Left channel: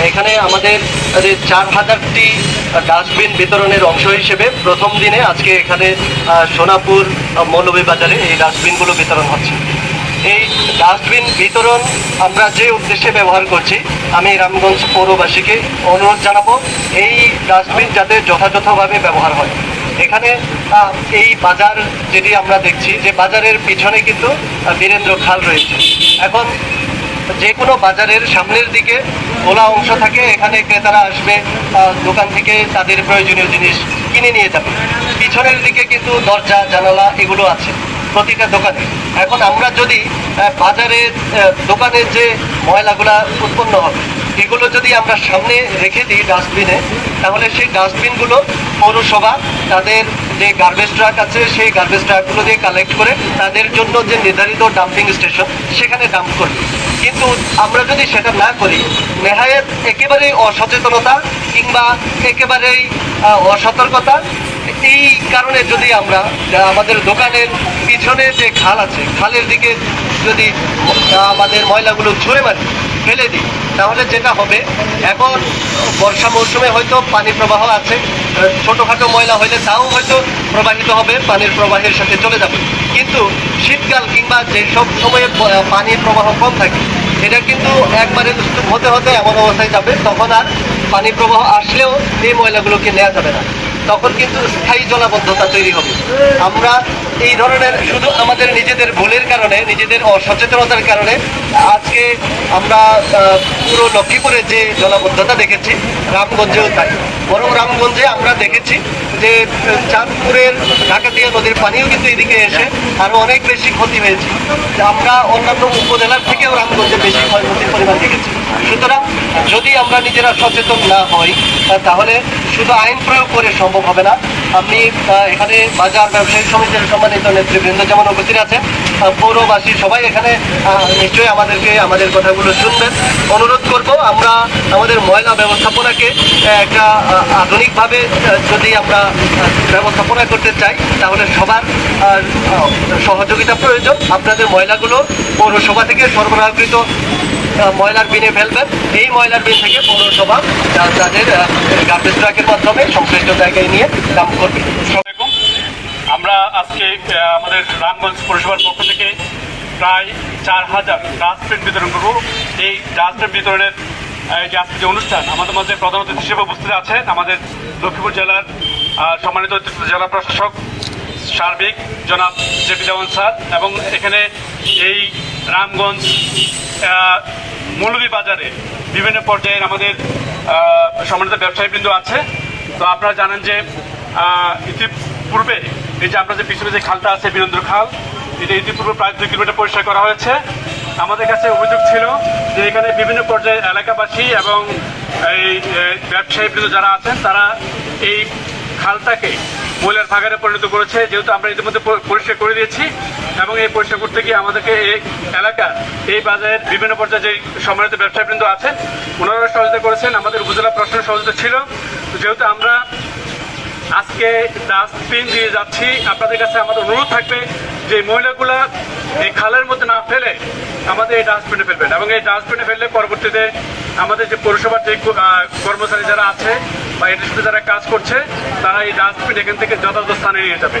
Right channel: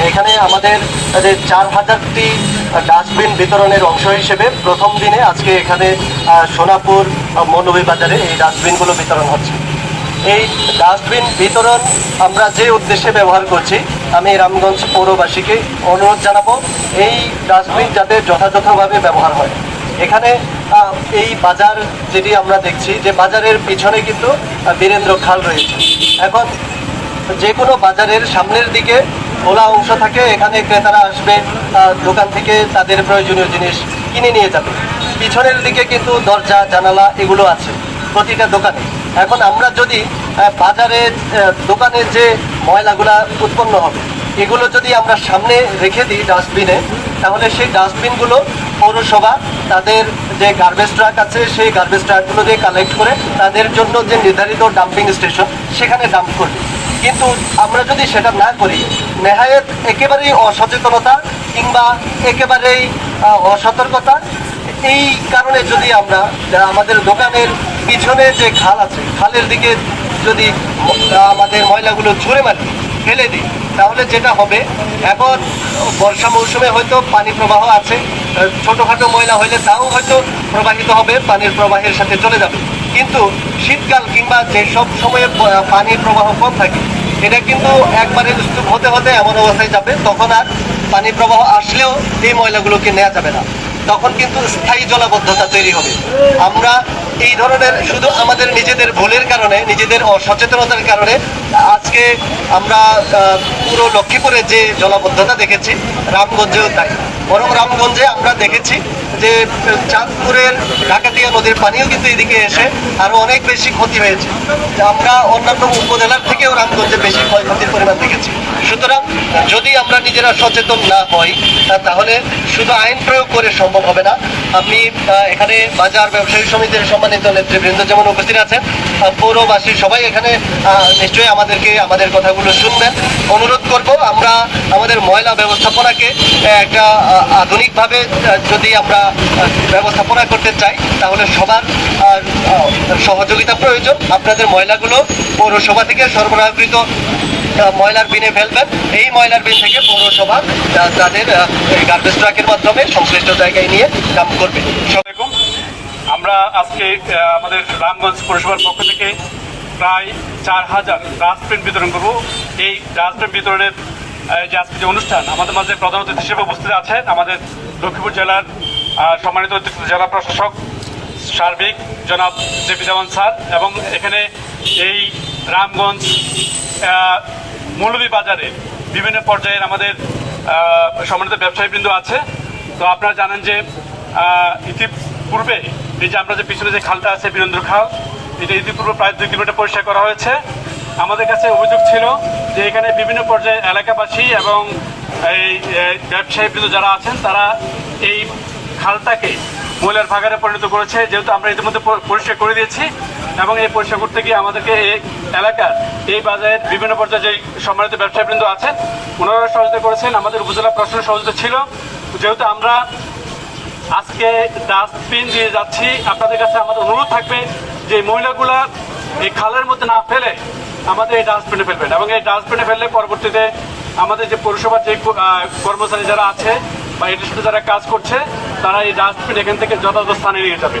এখানে আমাদের 4000টি ডাস্টবিন বিতরণের অংশ হিসেবে প্রথম দিনে আজকে এখানে সোনাপুর মৌলভীবাজারে এই ডাস্টবিনগুলো বিতরণ হচ্ছে। এই ডাস্টবিন বিতরণ আমরা যে উদ্দেশ্যে ব্যবহার করছি, আমি রামগঞ্জ পৌরবাসীকে অনুরোধ জানাবো এই ডাস্টবিন যাতে যথাযথভাবে ব্যবহার হয়। এখানে এই বাজার যেটি আমরা দেখছি যে বাজারের পিছনে কিন্তু বীরেন্দ্র খাল রয়েছে। এখন যে কোনো বাজারের সামনের দিকে খোলা অংশ থাকে, এখানে ক্রেতারা আসবে, দোকান থেকে তাদের প্রয়োজনীয় জিনিস কিনে নিয়ে যাবে। পিছনের দিকে কিন্তু দরজা জানালা এগুলো আছে প্রতিটা দোকানে। এখন আমরা যদি বাজারে দোকানের যে ময়লাগুলা উৎপন্ন হবে এগুলো যদি আমরা সামনে রেখে দিই ডাস্টবিনে, তাহলে সেই ডাস্টবিনগুলো পৌরসভা তাদের যে গার্বেজ ট্রাক আছে সেই গার্বেজ ট্রাকগুলো দিয়ে কালেক্ট করে তাদের জন্য যে নির্ধারিত ডাম্পিং স্টেশন সেখানে ডাম্প করবে। কিন্তু আমরা যদি সেটা না করি, নেহায়েত একেবারেই অসচেতনতা কিংবা একেবারেই অসতর্কতা, এই কারণে যদি আমরা আমাদের দোকানের পিছনে যে খাল আছে খালের দিকে যদি আমাদের ময়লাগুলো ছুঁড়ে মারি, ফেলে দিই, তাহলে যেটা হবে, এখন বর্ষা মৌসুমে হয়তো পানি প্রবাহ আছে, ছোটোখাটো ময়লা হলে তাও হয়তো প্রবাহিত হবে, পানির প্রবাহের সাথে চলে যাবে। কিন্তু শীতকাল কিংবা যেসব সময়ে পানির প্রবাহ কম থাকে, এটা কিন্তু একবারে হতে হতে এমন অবস্থায় যাবে তখন আর পানি প্রবাহ আসলেও এই ময়লাগুলোকে নেওয়া যাবে না, তখন কিন্তু স্থায়ী জলাবদ্ধতা তৈরি হবে। আমরা এই ধরনের শুধু আমাদের নিজেদের ভুলের কারণে, নিজেদের অসচেতনতার কারণে আজকে আমরা পুরো লক্ষ্মীপুরে যে জলাবদ্ধতা দেখেছি, রামগঞ্জেও তাই। বরং রামগঞ্জে আমরা দেখেছি যে চাঁদপুরের ঢাকাতিয়া নদীর পানিও কিন্তু এদিকে এসে আরও অনেক বেশি ক্ষতি হয়েছে। আমরা অন্যান্য উপজেলার থেকেও রামগঞ্জে বেশি ক্ষয়ক্ষতির পরিমাণ দেখেছি। সুতরাং যদি আমরা নিজেরা সচেতন না হই, তাহলে শুধু আইন প্রয়োগ করে সম্ভব হবে না। আপনি এখানে বাজার ব্যবসায়ী সমিতির সম্মানিত নেতৃবৃন্দ যেমন উপস্থিত আছেন, পৌরবাসী সবাই এখানে নিশ্চয়ই আমাদের কথাগুলো শুনবেন। অনুরোধ করব, আমরা আমাদের ময়লা ব্যবস্থাপনাকে একটা আধুনিকভাবে যদি আমরা ব্যবস্থাপনা করতে চাই, তাহলে সবার সহযোগিতা প্রয়োজন। আপনাদের ময়লাগুলো পৌরসভা থেকে সরবরাহকৃত ময়লার বিনে ফেলবেন। এই ময়লার বিন থেকে পৌরসভা তাদের গার্বেজ ট্রাকের মাধ্যমে সংশ্লিষ্ট জায়গায় নিয়ে ডাম্প করবে। আমরা আজকে আমাদের রামগঞ্জ পৌরসভার পক্ষ থেকে প্রায় 4000 ডাস্টবিন বিতরণ করব। এই ডাস্টবিন বিতরণের যে আজকে যে অনুষ্ঠান, আমাদের মাঝে প্রধান অতিথি হিসেবে উপস্থিত আছেন আমাদের লক্ষ্মীপুর জেলার সম্মানিত জেলা প্রশাসক সার্বিক জনাব জেপি দেওয়ান স্যার, এবং এখানে এই রামগঞ্জ মৌলভীবাজারে বিভিন্ন পর্যায়ের আমাদের সম্মানিত ব্যবসায়ীবৃন্দ আছে। তো আপনারা জানেন যে ইতিপূর্বে এই যে আমরা যে পিছনে যে খালটা আছে বীরেন্দ্র খাল, এটা ইতিপূর্বে প্রায় 2 কিলোমিটার পরিষ্কার করা হয়েছে। আমাদের কাছে অভিযোগ ছিল যে এখানে বিভিন্ন পর্যায়ে এলাকাবাসী এবং এই ব্যবসায়ীবৃন্দ যারা আছেন তারা এই খালটাকে ময়লার ভাগারে পরিণত করেছে। যেহেতু আমরা ইতিমধ্যে পরিষ্কার করে দিয়েছি এবং এই পরিষ্কার করতে গিয়ে আমাদেরকে এই এলাকার এই বাজারের বিভিন্ন পর্যায়ে যে সম্মানিত ব্যবসায়ীবৃন্দ আছেন ওনারা সহযোগিতা করেছেন, আমাদের উপজেলা প্রশাসনের সহযোগিতা ছিল। যেহেতু আমরা আজকে ডাস্টবিন দিয়ে যাচ্ছি, আপনাদের কাছে আমাদের অনুরোধ থাকবে যে ময়লাগুলা এই খালের মধ্যে না ফেলে আমাদের এই ডাস্টবিনে ফেলবেন, এবং এই ডাস্টবিনে ফেললে পরবর্তীতে আমাদের যে পৌরসভার যে কর্মচারী যারা আছে বা এটির সাথে যারা কাজ করছে তারা এই ডাস্টবিন এখান থেকে যথাযথ স্থানে নিয়ে যাবে।